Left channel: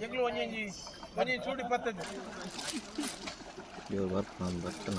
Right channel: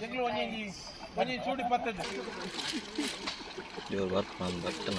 ಜಗ್ಲು ಒಂಜಿ ಒಂಜಿ ಚೂಡಿ ಇಪ್ಪತ್ತೈದು ಇವ್ರು ಬರ್ತ ನಾನು ಬರ್ತಾನ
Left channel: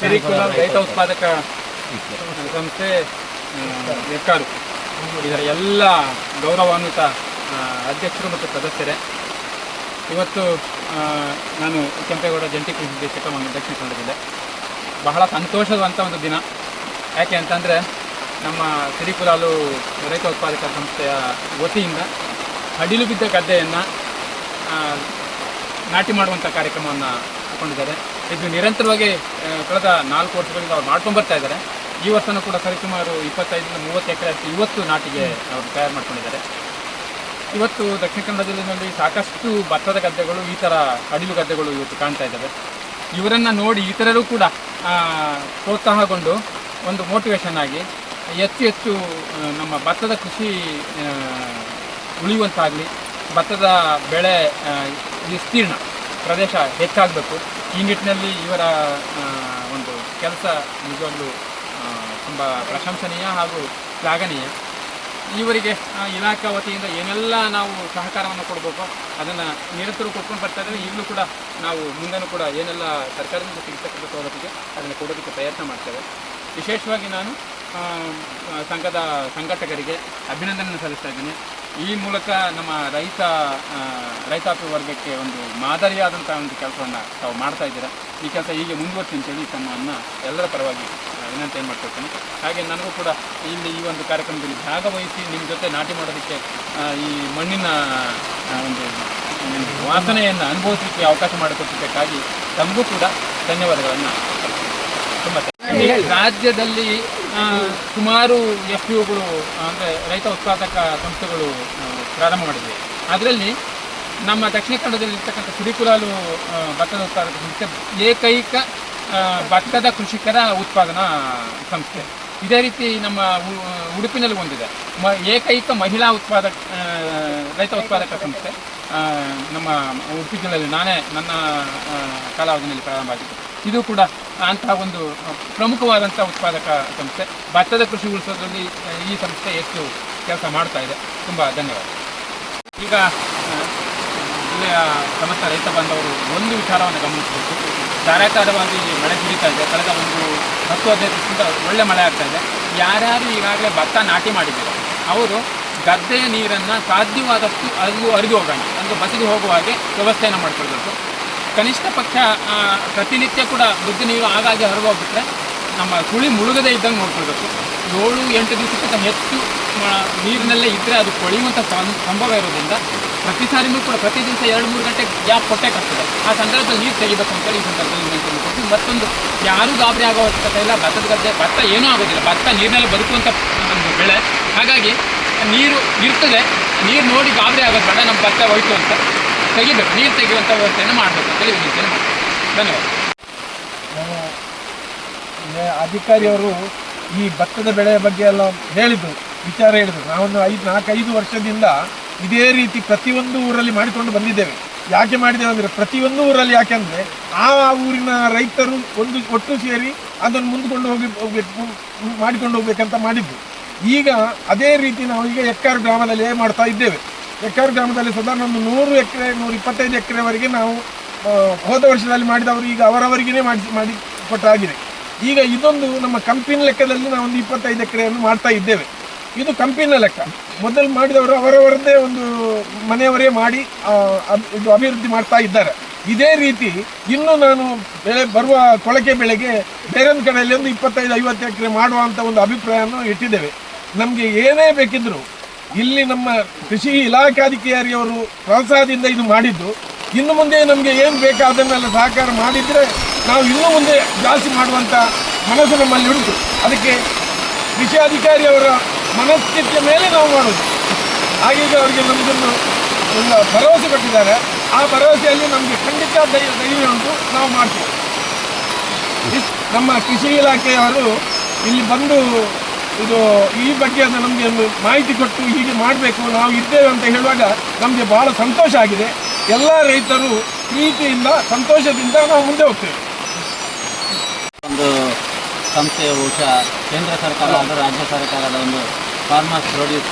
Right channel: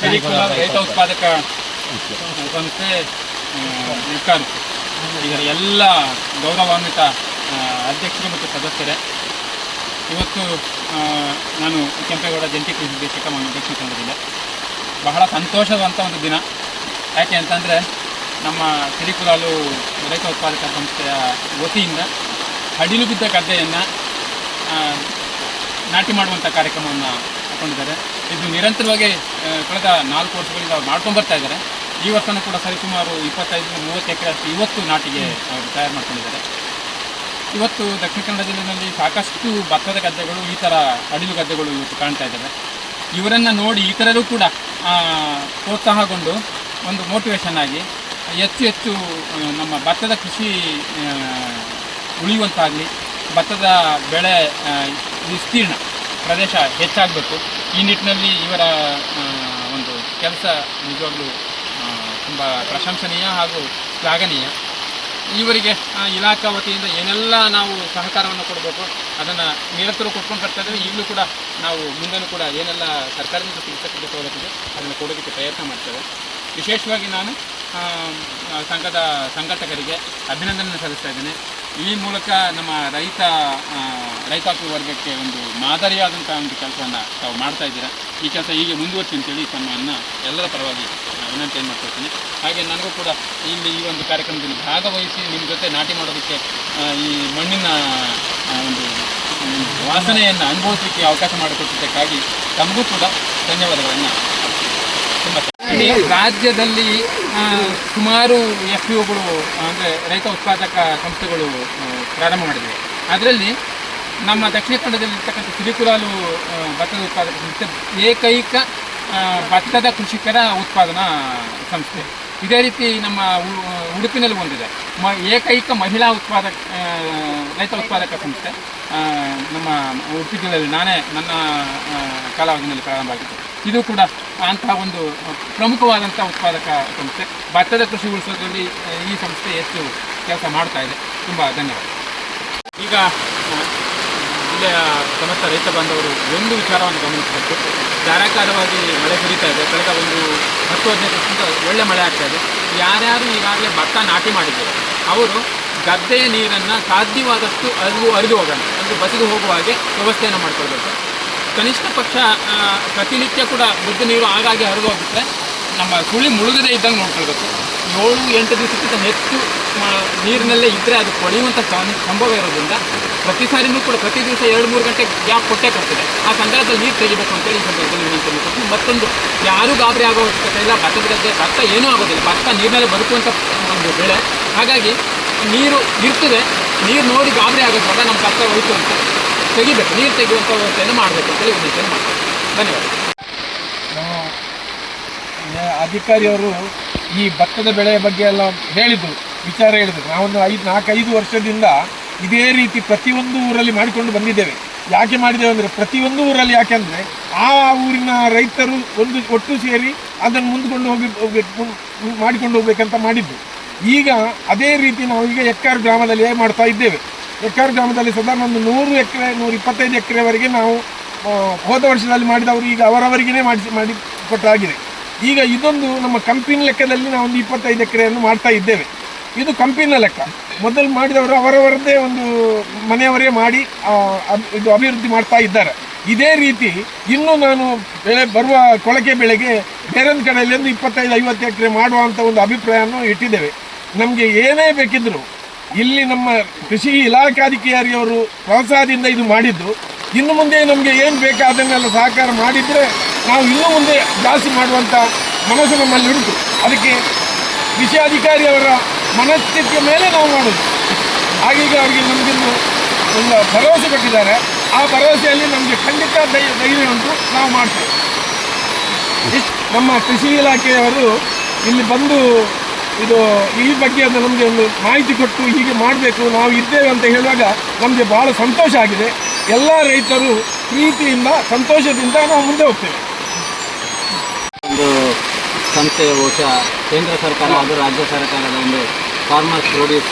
ಸಿರಿಕುಲಂ ರೈತ ಉತ್ಪಾದಕ ಸಂಸ್ಥೆ ನಿರ್ಕಾರು ಇದರ ಎಲ್ಲ ಗೌರವಾನ್ವಿತ ಅಧ್ಯಕ್ಷರು ಮತ್ತು ಸದಸ್ಯರೇ ಇವತ್ತು ನಾನು ಕೆಂಪೇಗೌಡ ಜಂಟಿ ಕೃಷಿ ನಿರ್ದೇಶಕ ದಕ್ಷಿಣ ಕನ್ನಡದಿಂದ ಬಹಳ ಸಂತೋಷವಂತ ಒಂದು ದಿನ. ಯಾಕೆ ಅಂತಂದರೆ ನಮ್ಮ ಸಿರಿಕುಲಾಲು ರೈತ ಉತ್ಪಾದಕ ಸಂಸ್ಥೆಯ ವತಿಯಿಂದ ಹಡಿಲು ಬಿದ್ದ ಗದ್ದೆಯನ್ನು ನಾಟಿ ಮಾಡುವಂಥ ಕಾರ್ಯಕ್ರಮವನ್ನು ಹಾಕೊಂಡಿದ್ದಾರೆ. ಇದು ನಿರಂತರವಾಗಿ ಕಳೆದ ನಾಲ್ಕು ವರ್ಷಗಳಿಂದ ಅವ್ರು ಮಾಡ್ಕೊಂಡು ಬರ್ತಾ ಇದ್ದಾರೆ. ಈ ವರ್ಷನೂ ಕೂಡ ಸರಿಸುಮಾರು ಇಪ್ಪತ್ತೈದರಿಂದ ಮೂವತ್ತು ಎಕರೆ ಅಷ್ಟು ಇವತ್ತು ನಾಟಿಗೆ ಅವರು ತಯಾರು ಮಾಡ್ಕೊಂಡಿದ್ದಾರೆ. ಇವತ್ತು ದಕ್ಷಿಣ ಕನ್ನಡ ಜಿಲ್ಲೆಯಲ್ಲಿ ಸಾಕಷ್ಟು ಭತ್ತದ ಗದ್ದೆಗಳು, ಈ ಥರ ಅಡಿಲು ಗದ್ದೆಗಳು ಇವತ್ತು ಕಾಣ್ತಾ ಇದ್ದಾವೆ ಇವರನ್ನು ನೋಡಿ ಇತರರು ಕೂಡ ಪ್ರೋತ್ಸಾಹಗೊಂಡು ಒಂದು ಮೋಟಿವೇಶನ್ ಆಗಿ ಹೆಚ್ಚು ಹೆಚ್ಚು ನಮ್ಮ ಭತ್ತದ ಕೃಷಿ ಉಳಿಯುವಂತಾಗಲಿ, ಭತ್ತದ ಬೆಳೆ ವಿಸ್ತೀರ್ಣ ಪ್ರದೇಶ ಹೆಚ್ಚಾಗಬೇಕು. ಈ ನಿಟ್ಟಿನಲ್ಲಿ ಇವರ ಒಂದು ಕೆಲಸ ನಿಜವಾಗ್ಲೂ ತುಂಬ ಪ್ರಶಂಸನೀಯ ಹಾಗೂ ಶ್ಲಾಘನೀಯ. ಇವರಿಗೆ ಇಲಾಖಾ ವತಿಯಿಂದ ಏನೆಲ್ಲ ನಾವು ಸಹಕಾರವನ್ನು ಕೊಡಬೇಕು, ಅದನ್ನು ನಿರಂತರ ಕೊಟ್ಕೊಂಡು ಬರ್ತಾ ಇದ್ದೇವೆ ಈಗಲೂ ಕೂಡ ನಾವು ಮುಂದೆನೂ ಕೂಡ ಏನೆಲ್ಲ ಸರ್ಕಾರದಿಂದ ಸಿಗತಕ್ಕಂಥ ಸವಲತ್ತಿದೆ ಅದನ್ನು ಕೊಡೋದಕ್ಕೆ ಪ್ರಯತ್ನ ಮಾಡ್ತೇವೆ. ವಿಶೇಷವಾಗಿ ನಾನು ಸಂಘದ ಸಂಘಟಕರಿಗೆ ಅಭಿನಂದನೆ ಸಲ್ಲಿಸ್ತಾ ಇದ್ದೇನೆ. ಈ ಮೂಲಕ ನಮ್ಮ ರೈತ ರೈತಾಪಿ ವರ್ಗಕ್ಕೆ ಒಂದು ಮಾದರಿಯಾದಂಥ ಒಂದು ಕೆಲಸವನ್ನು ತಾವು ಮಾಡ್ತಾ ಇದ್ದೀರಾ. ಈ ಕೆಲಸ ಹೀಗೆ ಮುಂದುವರಿಸಿ ಅಂತೇಳಿ ತಮ್ಮನ್ನು ಎಲ್ಲರ ಪರವಾಗಿ ವಿನಂತಿ ಮಾಡ್ಕೊಳ್ತೀನಿ. ಹಾಗೆ ನನಗೂ ಕೂಡ ಇಲ್ಲಿ ಈ ಒಂದು ಕಾರ್ಯಕ್ರಮದಲ್ಲಿ ಭಾಗವಹಿಸಿ ನಿಮ್ಮ ಜೊತೆ ನಾಟಿ ಮಾಡೋದಕ್ಕೆ ಈ ಮಣ್ಣಿನ ಒಂದು ವಾಸನೆಯನ್ನು ಅನುಭವಿಸಲಿಕ್ಕೆ ಅವಕಾಶ ಮಾಡಿಕೊಟ್ಟಿದ್ದಕ್ಕಾಗಿ ತಮಗೂ ಕೂಡ ಧನ್ಯವಾದಗಳನ್ನು ತುಂಬ ರಾಜ್ಯದಲ್ಲಿ ಸುಮಾರು ಎಫ್ ಪಿ ಒಗಳು ಅಂದರೆ ರೈತ ಉತ್ಪಾದಕ ಸಂಸ್ಥೆಗಳು ಪ್ರಾರಂಭ ಮಾಡಿದೆ ಅದರಲ್ಲಿ ನಮ್ಮ ದಕ್ಷಿಣ ಕನ್ನಡದಲ್ಲಿರ್ತಕ್ಕಂಥ ಸಿರಿಕುಲಾಲು ಭತ್ತದ ಉತ್ಪಾದಕ ಸಂಸ್ಥೆ, ಏಕೈಕ ಭತ್ತದ ಕೃಷಿಕರ ಉತ್ಪಾದನಾ ಸಂಸ್ಥೆ. ಇದೇ ರೀತಿ ನಮ್ಮ ಉಡುಪಿನಲ್ಲಿ ಒಂದಿದೆ. ಮ, ಏಕೈಕ ಮಹಿಳಾ ಉತ್ಪಾದಕ ರೈತ ಉತ್ಪಾದಕ ಸಂಸ್ಥೆ ನಮ್ಮ ಉಡುಪಿನಲ್ಲಿ ನಾನೇ ನನ್ನ ಕಾಲಾವಧಿನಲ್ಲಿ ಪ್ರಾರಂಭ ಆಗಿತ್ತು ಇದು ಕೂಡ ಅಂತಹ ಒಂದು ಪ್ರಮುಖವಾದಂಥ ಉತ್ಪಾದಕ ಸಂಸ್ಥೆ. ಭತ್ತದ ಕೃಷಿ ಉಳಿಸೋದ್ರಲ್ಲಿ ಈ ಸಂಸ್ಥೆ ಹೆಚ್ಚು ಕೆಲಸ ಮಾಡ್ತಾ ಇದೆ. ತುಂಬ ಧನ್ಯವಾದ. ಈಗ ಜಿಲ್ಲೆಯ ಸಮಸ್ತ ರೈತ ಬಾಂಧವರು ಒಂದು ವಿಚಾರವನ್ನು ಗಮನಿಸಬೇಕು. ಧಾರಾಕಾರವಾಗಿ ಮಳೆ ಸುರಿತಾ ಇದೆ. ಕಳೆದ ಒಂದು ಹತ್ತು ಹದಿನೈದು ವರ್ಷದಿಂದ ಒಳ್ಳೆ ಮಳೆ ಆಗ್ತಾ ಇದೆ. ಯಾರ್ಯಾರು ಈಗಾಗಲೇ ಭತ್ತ ನಾಟಿ ಮಾಡಿದ್ದಾರೆ? ಅವರು ಗದ್ದೆಯ ನೀರನ್ನು ಸಾಧ್ಯವಾದಷ್ಟು ಅರಿದು ಹರಿದು ಹೋಗೋಣ. ಅಂದರೆ ಬಸಿದು ಹೋಗುವ ಹಾಗೆ ವ್ಯವಸ್ಥೆಯನ್ನು ಮಾಡ್ಕೊಳ್ಬೇಕು. ಕನಿಷ್ಠ ಪಕ್ಷ ಪ್ರತಿನಿತ್ಯ ಕೂಡ ಬುದ್ಧಿ ನೀರು ಆಗಾಗ್ಗೆ ಹರಿದೋಗ್ಬಿಟ್ರೆ ನಮ್ಮ ಕುಳಿ ಮುಳುಗದೇ ಇದ್ದಂಗೆ ನೋಡ್ಕೊಳ್ಬೇಕು. ಏಳು, ಎಂಟು ದಿವಸಕ್ಕಿಂತ ಹೆಚ್ಚು ನೀರಿನಲ್ಲೇ ಇದ್ದರೆ ಅದು ಕೊಳೆಯುವಂಥ ಸಂಭವ ಇರೋದ್ರಿಂದ ಪ್ರತಿ ಸಾರಿನೂ ಕೂಡ ಪ್ರತಿ ದಿವಸ ಎರಡು, ಮೂರು ಗಂಟೆ ಗ್ಯಾಪ್ ಕೊಟ್ಟೇ ಕೊಡ್ತದೆ ಆ ಸಂದರ್ಭದಲ್ಲಿ ನೀರು ತೆಗಿಬೇಕು ಅಂತೇಳಿ ಈ ಸಂದರ್ಭದಲ್ಲಿ ವಿನಂತಿಯನ್ನು ಕೊಟ್ಟು ಮತ್ತೊಂದು, ಯಾರೂ ಗಾಬರಿ ಆಗೋ ಅವಶ್ಯಕತೆ ಇಲ್ಲ. ಭತ್ತದ ಗದ್ದೆ, ಭತ್ತ ಏನೂ ಆಗೋದಿಲ್ಲ. ಭತ್ತ ನೀರಿನಲ್ಲಿ ಬದುಕುವಂಥ ಒಂದು ಬೆಳೆ. ಹಾಗಾಗಿ, ನೀರು ಇರ್ತದೆ. ನೀರು ನೋಡಿ ಗಾಬರಿ ಆಗೋದು ಬೇಡ. ನಮ್ಮ ಭತ್ತ ಹೋಯ್ತು ಅಂತ. ತೆಗಿಬೇಕು ನೀರು ತೆಗೆಯುವಂಥ ವ್ಯವಸ್ಥೆಯನ್ನು ಮಾಡಬೇಕು ಅಂತೇಳಿ ವಿನಂತಿಯನ್ನು ಧನ್ಯವಾದ. ಅಧಿಕಾರಿಯವರು ಈ ಭತ್ತದ ಬೆಳೆಯ ಬಗ್ಗೆ ಎಲ್ಲ ಹೇಳಿದ್ದು ವಿಚಾರ ಹೇಳಿದ್ರು. ನಾವೊಂದು ಐದು, ನಾಲ್ಕೈದು ವರ್ಷದಿಂದ ಇದೇ ರೀತಿ ಪ್ರತಿಯೊಂದು ಊರಲ್ಲಿ ಮಾಡಿಕೊಂಡು ಬಂದಿದ್ದೇವೆ. ಯಾಕೆ ಮಾಡಿದ್ದೇವೆ ಅಂದರೆ, ಪ್ರತಿಯೊಂದು ಊರಲ್ಲಿ ಯಾಕೆಂದರೆ ಆ ಆ ಊರಿನ ರೈತರು ಒಂದು, ಒಟ್ಟು ಸೇರಿ ಅದನ್ನು ಮುಂದ್ಕೊಂಡು ಹೋಗಿ, ಹೋಗ್ಬೇಕು ಮಾಡಿಕೊಂಡು ಹೋಗ್ಬೇಕಂತ ಮಾಡಿದ್ದು. ಈಗ ಅದೇ ರೀತಿ ನಾವು ಈಗ ಎಕ್ಕಾರ್ ಗ್ರಾಮದಲ್ಲಿ ಮಾಡ್ತಾ ಇದ್ದೇವೆ. ಎಕ್ಕಾರ್ ಗ್ರಾಮದಲ್ಲಿ ಸಾಧಾರಣ ಒಂದು ನೂರು ಎಕರೆ, ನೂರ ಇಪ್ಪತ್ತೈದು ಎಕರೆವರೆಗೆ ನಾವು ಹೋದ ವರ್ಷದಲ್ಲಿ ಮಾಡಿದವರು ಈಗ ಅವರವರಿಗೇ ಮಾಡಿ ಮಾಡಿ ಕೊಟ್ಟಾಗಿದೆ. ಈಗ ಇದೊಂದು ನಮ್ಮ ಕಂಪಿನ ಲೆಕ್ಕದಲ್ಲಿ ನಾವು ಒಂದು ಇಪ್ಪತ್ತೈದು ಎಕರೆಯನ್ನು ಮಾಡ್ತಾ ಇದ್ದೇವೆ. ಇದು ಕಂಪಿನ ಲೆಕ್ಕ. ಮೊದಲು ಮಾಡಿದವರು ಅವರವರದ್ದೇ ಒಂದು ಮನೆಯವರೇ ಮಾಡಿ ಇದು ಅಭಿವೃದ್ಧಿ ಮಾಡ್ತಾ ಇದ್ದಾರೆ. ಇದೇ ರೀತಿ ಇನ್ನು ನಾನು ಬೆಳೆ ಬರುವ ಕೊಳಕೆ ಬೆಳೆಗೆ ಬೇರೊಂದು ಕಡೆಯಲ್ಲಿ ಒಂದು ಇಪ್ಪತ್ತೈದು ಐವತ್ತು ಎಕರೆ ಮಾಡುವಂಥ ಒಂದು ಅಭಿಪ್ರಾಯವನ್ನು ಇಟ್ಟಿದ್ದೇವೆ. ನಮಗೆ ಏನೇ ಬೇಕಿದ್ರು ಇಲ್ಲಿ ನಮ್ಮ ಕೃಷಿ ಇಲಾಖಾಧಿಕಾರಿಯವರು ಪ್ರೋತ್ಸಾಹದಿಂದ ಇದು ಮಾಡಿದ್ದು. ಇನ್ನು ಮುಂದೆ ನಮಗೆ ಏನು ಬೇಕಾ ಅದನ್ನೆಲ್ಲ ಸಹಕಾರ ಮಾಡಿದರೆ ನಾವು ಇನ್ನು ಮುಂದೆ ಜಾಸ್ತಿ ಮಾಡುವಂಥ ಮನಸ್ಸು ನಮ್ಮಲ್ಲಿ ಉಂಟು. ಅದಕ್ಕೆ ಕೃಷಿ ಅಧಿಕಾರಿಯವರ ಮನಸ್ಥಿತಿಯ ಮೇಲೆ ನಾವು ಮಾಡೋದು. ಹಾಗೀಗ ಅವರಿಗೆ ನಮಗನ್ನು ಒಂದು ಭರವಸೆ ಕೊಟ್ಟಿದ್ದಾರೆ. ಆ ಭರವಸೆಯಲ್ಲಿ ನಮಗೆ ಖಂಡಿತ ಧೈ- ಧೈರ್ಯ ಉಂಟು. ನಾವು ಮಾಡ್ತೇವೆ. ನಮ್ಮ ಕೃಷಿ ಇಲಾಖೆಯವರು ಇಲ್ಲಿ ಬಂದು ಇದು ಈ ಬಗ್ಗೆ ನಮಗೆ ಒಂದು ಮಾಹಿತಿ ಕೊಟ್ಟು ಹೀಗೆ ಮಾಡಬೇಕು, ನಾವು ಇದ್ದೇವೆ ಅಂತ ಹೇಳುವಾಗ ನಮಗೆ ಭಾಳ ಸಂತೋಷ ಆಗಿದೆ. ಎಲ್ಲ ರೈತರು ಪ್ರೀತಿಯಿಂದ, ಸಂತೋಷದಿಂದ ನಾವು ಮುಂದೆ ಹೋಗ್ತೇವೆ. ಒಂದು ಸಂಸ್ಥೆಯ ಬಹುಶಃ ಕೇಂದ್ರ ಸರ್ಕಾರ ಹಾಗೂ ರಾಜ್ಯ ಸರ್ಕಾರದ ಒಂದು ಫಾರ್ಮರ್ಸ್ ಪ್ರೊಡ್ಯೂಸ್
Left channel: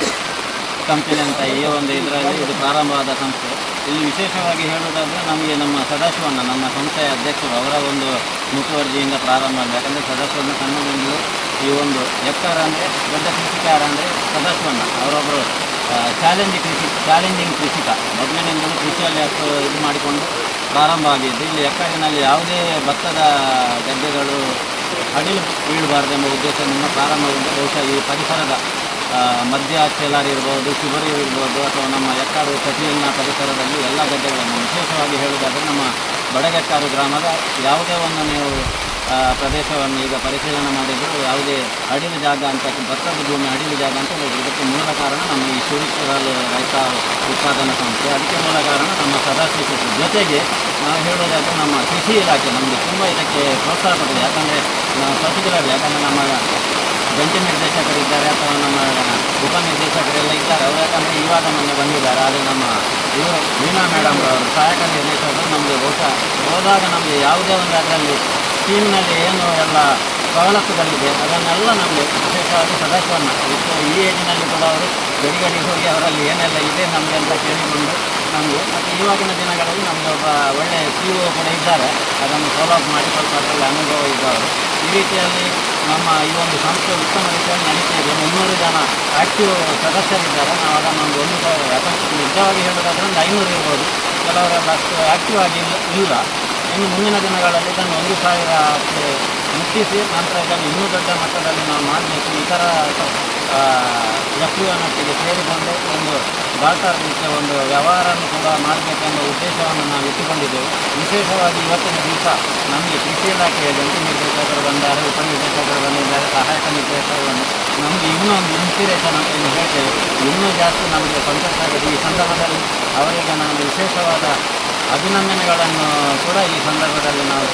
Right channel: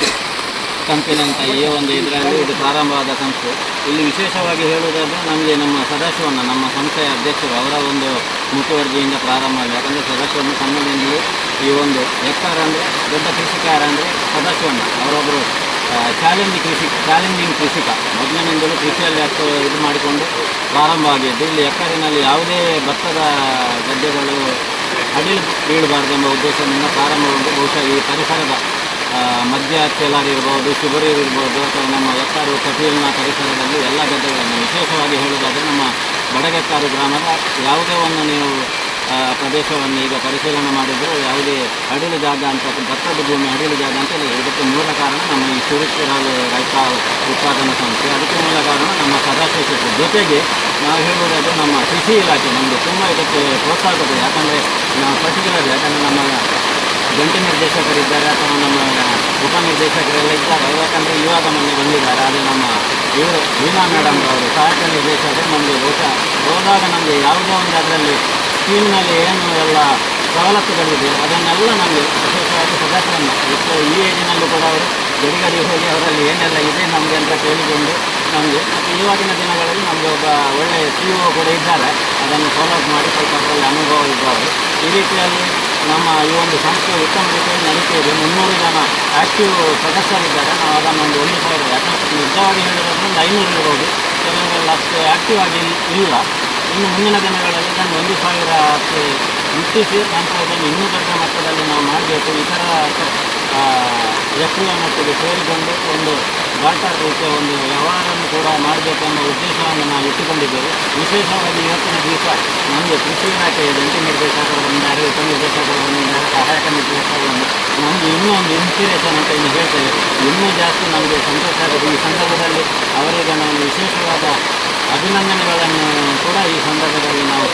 ಕಂಪನಿ ಅಂತ ಈ ಒಂದು ಇದರಲ್ಲಿ ಇದು ಪ್ರಾರಂಭವಾದ ಸಂಸ್ಥೆ ಇಲ್ಲಿ ವಿಶೇಷವಾಗಿ ಹೇಳುವುದಾದರೆ ನಮಗೆ ನಮ್ಮ ಸದಾಶಿವಣ್ಣ, ನಮ್ಮ ಸಂಸ್ಥೆಯ ಅಧ್ಯಕ್ಷರು ಅವರ ಒಂದು ಮುತುವರ್ಜಿಯಿಂದ ಪ್ರಾರಂಭ ಆಗಿದೆ ಯಾಕಂದರೆ ಸದಾಶಿವಣ್ಣ ಸಣ್ಣದಿಂದಲೂ ಈ ಒಂದು ಎಕ್ಕಾರ ಅಂದರೆ ದೊಡ್ಡ ಕೃಷಿಕಾರ ಅಂದರೆ ಸದಾಶಿವಣ್ಣ. ಅವರೊಬ್ಬರು ಚಾಲೆಂಜಿಂಗ್ ಕೃಷಿ, ಚಾಲೆಂಜಿಂಗ್ ಕೃಷಿಕ. ಮೊದಲಿನಿಂದಲೂ ಕೃಷಿಯಲ್ಲಿ ಇದು ಮಾಡಿಕೊಂಡು ಪ್ರಾರಂಭ ಆಗಿದ್ದು, ಇಲ್ಲಿ ಎಕ್ಕಾರಿನಲ್ಲಿ ಯಾವುದೇ ಭತ್ತದ ಗದ್ದೆಗಳು ಅಡಿಲು ಬೀಳಬಾರ್ದೆಂಬ ಉದ್ದೇಶದಿಂದ ಪ್ರಾರಂಭಗೊಂಡು ಬಹುಶಃ ಈ ಪರಿಸರದ ಮಧ್ಯ ಚೇಲಾರಿರ್ಬೋದು ಶಿಬರೂರು ಇರ್ಬೋದು, ಅಥವಾ ನಮ್ಮ ಲಕ್ಕಾರು ಕಟೀಲಿನ ಪರಿಸರದಲ್ಲಿ ಎಲ್ಲ ಗದ್ದೆಗಳನ್ನು ವಿಶೇಷವಾಗಿ ಹೇಳುವುದಾದರೆ ನಮ್ಮ ಬಡಗತ್ತಾರು ಗ್ರಾಮದ ಯಾವುದೇ ಒಂದು ನೀವು ಪ್ರದೇಶವನ್ನು ಈಗ ಪರಿಶೀಲನೆ ಮಾಡಿದ್ರು ಯಾವುದೇ ಅಡಿಲು ಜಾಗ ಅಂತ ಭತ್ತದ ಭೂಮಿ ಅಡಿಲು ಜಾಗ ಅಂತ ಇದಕ್ಕೆ ಮೂಲ ಕಾರಣ ನಮ್ಮ ಈ ಶಿವಪುರಲ್ಲಿ ರೈತ ಉತ್ಪಾದನಾ ಸಂಸ್ಥೆ. ಅದಕ್ಕೆ ಮೂಲ ಕಾರಣ ನಮ್ಮ ಸದಾಶಿವ ಜೊತೆಗೆ ನಾವು ಹೇಳುವುದಾದ್ರೆ ನಮ್ಮ ಕೃಷಿ ಇಲಾಖೆ ನಮಗೆ ತುಂಬ ಇದಕ್ಕೆ ಪ್ರೋತ್ಸಾಹ ಕೊಟ್ಟಿದೆ. ಯಾಕಂದರೆ ಪರ್ಟಿಕ್ಯುಲರ್ಲಿ ಯಾಕಂದರೆ ನಮ್ಮ ಜಂಟಿ ನಿರ್ದೇಶಕರಿದ್ದಾರೆ ಅಥವಾ ನಮ್ಮ ಉಪನಿರ್ದೇಶಕರೆಲ್ಲ ಇದ್ದಾರೆ. ಯಾಕಂದರೆ ಇವಾಗ ಮೊನ್ನೆ ಬಂದಿದ್ದಾರೆ. ಆದರೆ ನಮ್ಮ ವೀಣಾ ಮೇಡಮ್ ಅವರು ಸಹಾಯಕ ನಿರ್ದೇಶಕರು ನಮಗೆ ಬಹುಶಃ ಹೋದಾಗ ನಮಗೆ ಯಾವುದೇ ಒಂದು ಅದರಲ್ಲಿ ಸ್ಕೀಮ್ನಲ್ಲಿ ಏನು ಎಲ್ಲ ಸವಲತ್ತುಗಳಿದೆ ಅದನ್ನೆಲ್ಲ ನಮಗೆ ವಿಶೇಷವಾಗಿ ಸದಸ್ಯರನ್ನು ಇಷ್ಟು ಈ ಏರಿನಲ್ಲಿ ಕೂಡ ಅವರು ಗಡಿಗಡಿ ಹೋಗಿ ಅವರಲ್ಲಿ ಏನೆಲ್ಲ ಇದೆ ನಮಗೆ ಅಂತ ಕೇಳಿಕೊಂಡು ನಮಗೆ, ಮತ್ತು ಇವಾಗಿನ ದಿನಗಳಲ್ಲಿ ನಮಗೆ ಒಬ್ಬ ಒಳ್ಳೆಯ ಸಿ ಒ ಕೂಡ ಇದ್ದಾರೆ. ಅದನ್ನು ಫಾಲೋ ಅಪ್ ಮಾಡಿ ಸ್ವಲ್ಪ ಅನುಭವ ಇದ್ದಾರೆ. ಈ ರೀತಿಯಲ್ಲಿ ನಮ್ಮ ಈ ಒಂದು ಸಂಸ್ಥೆ ಉತ್ತಮ ರೀತಿಯಲ್ಲಿ ನಡೆಸಿದೆ ಮುನ್ನೂರು ಜನ ಆ್ಯಕ್ಟಿವ್ ಸದಸ್ಯರಿದ್ದಾರೆ. ನಾವು ಅದನ್ನು ಒಂದು ಒಂದು ಸಾವಿರ, ಯಾಕಂದರೆ ನಿಜವಾಗಿ ಹೇಳಿದ್ರೆ ಒಂದು ಐನೂರು ಇರ್ಬೋದು. ಕೆಲವರೆಲ್ಲ ಅಷ್ಟು ಆ್ಯಕ್ಟಿವ್ ಆಗಿ ಇಲ್ಲ. ಇನ್ನು ಮುಂದಿನ ದಿನಗಳಲ್ಲಿ ಇದನ್ನು ಒಂದು ಸಾವಿರಕ್ಕೆ ಮುಟ್ಟಿಸಿ, ನಂತರ ಇದನ್ನು ಇನ್ನೂ ದೊಡ್ಡ ಮಟ್ಟದಲ್ಲಿ ನಾವು ಮಾಡಬೇಕು. ಇತರ ವ್ಯಕ್ತಿಯ ಮಟ್ಟಿಗೆ ಸೇರಿಕೊಂಡು ಒಂದು ಡಾಟಾ ರೀತಿಯ ಒಂದು ವ್ಯವಹಾರವನ್ನು ಕೂಡ ಮಾಡಬೇಕೆಂಬ ಉದ್ದೇಶವನ್ನು ನಾವು ಇಟ್ಟುಕೊಂಡಿದ್ದೇವೆ. ವಿಶೇಷವಾಗಿ ಇವತ್ತಿನ ದಿವಸ ನಮಗೆ ಕೃಷಿ ಇಲಾಖೆಯ ಜಂಟಿ ನಿರ್ದೇಶಕರು ಬಂದು ಅರಿವು ಬಂದಿದ್ದಾರೆ ಬಂದು ನಮಗೆ ಇನ್ನೂ ಒಂದು ಇನ್ಸ್ಪಿರೇಷನ್ ಅಂತ ಇನ್ನು ಹೇಳ್ತೇವೆ ಇನ್ನೂ ಜಾಸ್ತಿ ನಮಗೆ ಸಂತೋಷ ಆಗಿದೆ ಈ ಸಂದರ್ಭದಲ್ಲಿ ಅವರಿಗೆ ನಾನು ವಿಶೇಷವಾದ ಅಭಿನಂದನೆಗಳನ್ನು ಕೂಡ ಈ ಸಂದರ್ಭದಲ್ಲಿ ನಾವು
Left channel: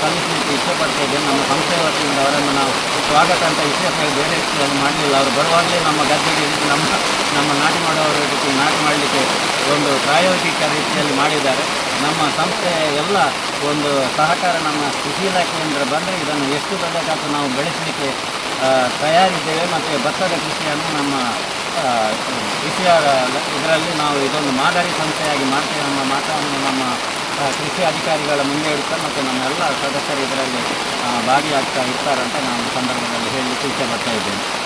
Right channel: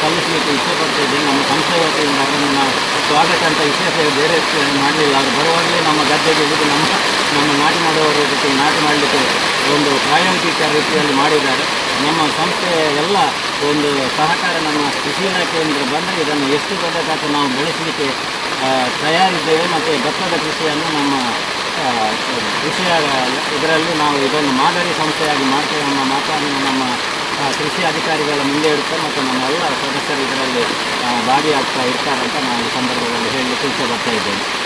ಸಲ್ಲಿಸಲಿಕ್ಕೆ ಇಷ್ಟಪಡ್ತಿದ್ದೇನೆ ನಮ್ಮ ಸಂಸ್ಥೆ ವತಿಯಿಂದ ಅವರನ್ನು ನಾವು ಸ್ವಾಗತ ಅಂತ ವಿಶೇಷ ಬೇರೆ ಮಾಡಲಿಲ್ಲ ಅವರು ಬರುವಾಗಲೇ ನಮ್ಮ ಗದ್ದೆಗೆ ಇಳಿದು ನಮ್ಮ ನಮ್ಮ ನಾಟಿ ಮಾಡುವವರ ಜೊತೆ ನಾಟಿ ಮಾಡಲಿಕ್ಕೆ ಒಂದು ಪ್ರಾಯೋಗಿಕ ರೀತಿಯಲ್ಲಿ ಮಾಡಿದ್ದಾರೆ. ನಮ್ಮ ಸಂಸ್ಥೆಯ ಎಲ್ಲ ಒಂದು ಸಹಕಾರ ನಮ್ಮ ಕೃಷಿ ಇಲಾಖೆಯಿಂದ ಬಂದರೆ ಇದನ್ನು ಎಷ್ಟು ದೊಡ್ಡ ನಾವು ಬೆಳೆಸಲಿಕ್ಕೆ ತಯಾರಿದ್ದೇವೆ ಮತ್ತು ಭತ್ತದ ಕೃಷಿಯನ್ನು ನಮ್ಮ ಕೃಷಿಯ ಇದರಲ್ಲಿ ನಾವು ಇದನ್ನು ಮಾದರಿ ಸಂಸ್ಥೆಯಾಗಿ ಮಾಡ್ತೇವೆ ಅನ್ನೋ ಮಾತನ್ನು ನಮ್ಮ ಕೃಷಿ ಅಧಿಕಾರಿಗಳ ಮುಂದೆ ಇಡುತ್ತಾ ಮತ್ತು ನಮ್ಮ ಎಲ್ಲ ಸದಸ್ಯರು ಇದರಲ್ಲಿ ಭಾಗಿಯಾಗ್ತಾ ಇರ್ತಾರಂತ ಈ ಸಂದರ್ಭದಲ್ಲಿ ಹೇಳಲಿಕ್ಕೆ ಇಷ್ಟಪಡ್ತಾ ಇದ್ದೇನೆ.